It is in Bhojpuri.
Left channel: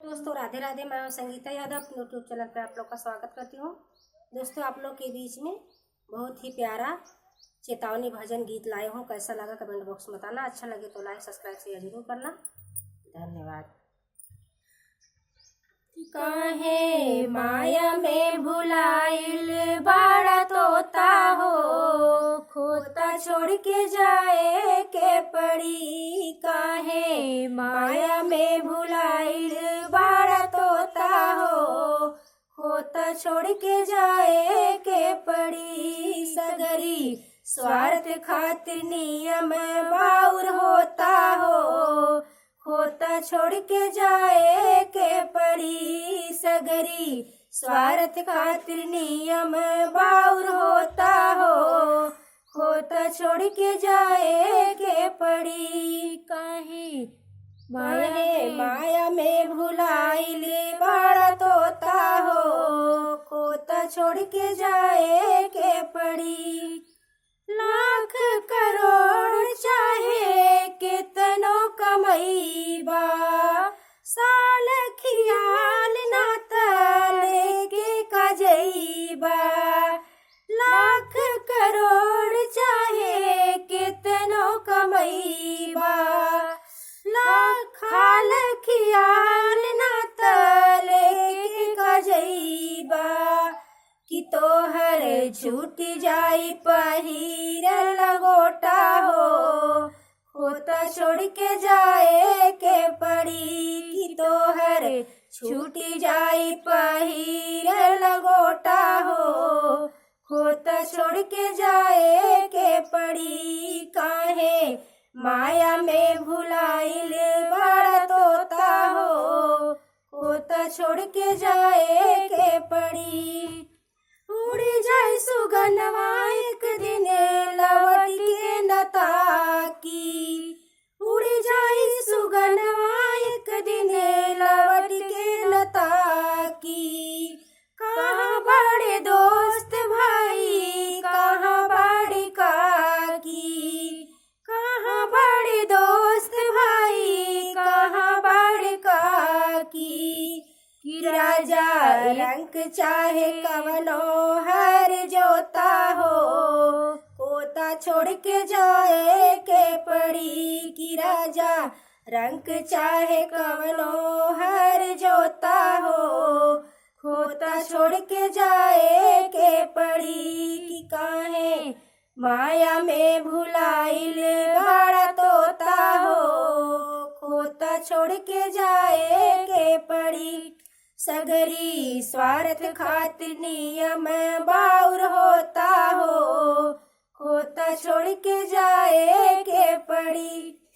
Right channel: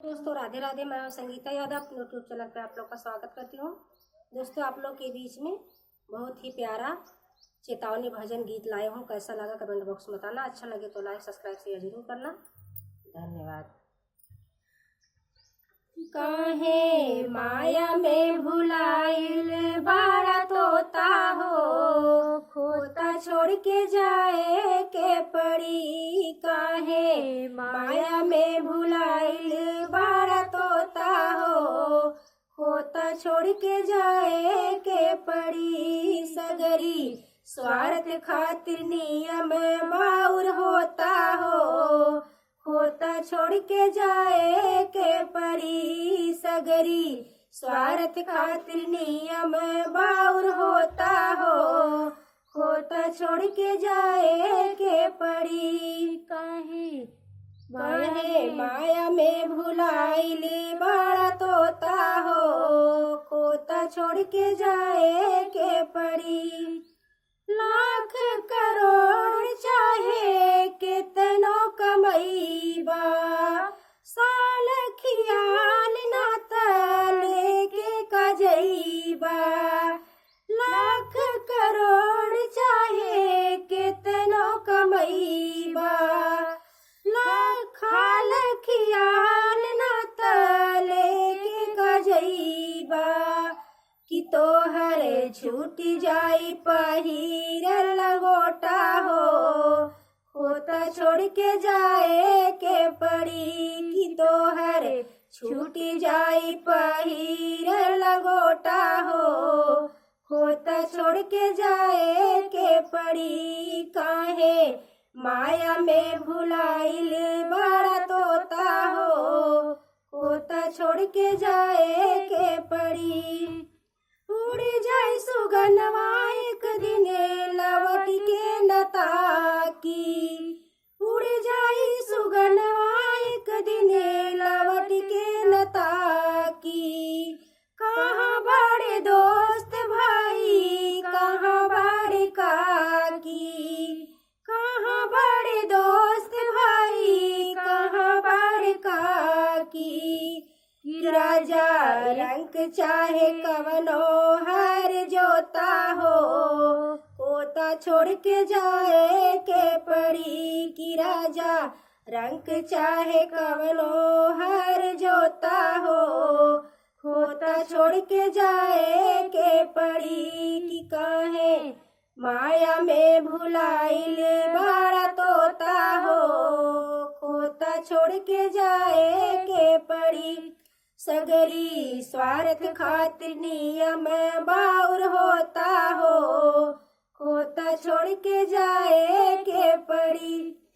दोस्तों राधे राधे। मैं संगीता यादव अपने यूट्यूब चैनल पर आप लोग का स्वागत करती हूँ। दोस्तों आप लोग के बीच में बहुत ही प्यारा चेतावनी भजन गीत लाए हूँ। कैसा लगा कमेंट बॉक्स में बताना। अच्छा लगे तो लाइक सब्सक्राइब शेयर जरूर करना। धन्यवाद। काहे माया में भुलाइल बाड़ा तोता हो, खोता छोड़ के जाए के पड़ी। काहे माया में भुलाइल बाड़ा तोता हो, खोता छोड़ के जाए के पड़ी। सगरी स्वार्थ खातिर नियम बाउर होता हो, खोता छोड़ के जाए के पड़ी। सगरी स्वार्थ खातिर नियम बाउर होता हो, खोता छोड़ के जाए के पड़ी। काहे माया में भुलाइल बाड़ा तोता हो, खोता छोड़ के जाए के पड़ी। लाख करोड़ चाहे कितनो कमईबा, साल खियाल ना तले के काजईबा। लाख करोड़ चाहे कितनो कमईबा, लाखाल खियाल ना तले के काजईबा। कि तोहर छूट जाई पहिरल लंगोटा हो, खोता छोड़ के जाए के पड़ी। कि तोहर छूट जाई पहिरल लंगोटा हो, खोता छोड़ के जाए के पड़ी। काहे माया में भुलाइल बड़ा तोता हो, खोता छोड़ के जाए के पड़ी। उड़ जाई सुगनवा एक दिन लवट के न ताकी। उड़ जाई सुगनवा एक दिन लवट के न ताकी। कहाँ बड़े दोस्त भाई, कहाँ बड़े काकी। कहाँ बड़े दोस्त भाई, कहाँ बड़े काकी। राजा रंग चाहे कवनो हर जोता हो, खोता छोड़ के जाए के पड़ी। कि राजा रंग चाहे कवनो हर जोता हो, खोता छोड़ के जाए के पड़ी। कि काहे माया में भुलाइल बड़ा तोता हो, खोता छोड़ के जाए के पड़ी। सगरी स्वार्थ खातिर नियम बाउर होता हो, खोता छोड़ के जाए के पड़ी।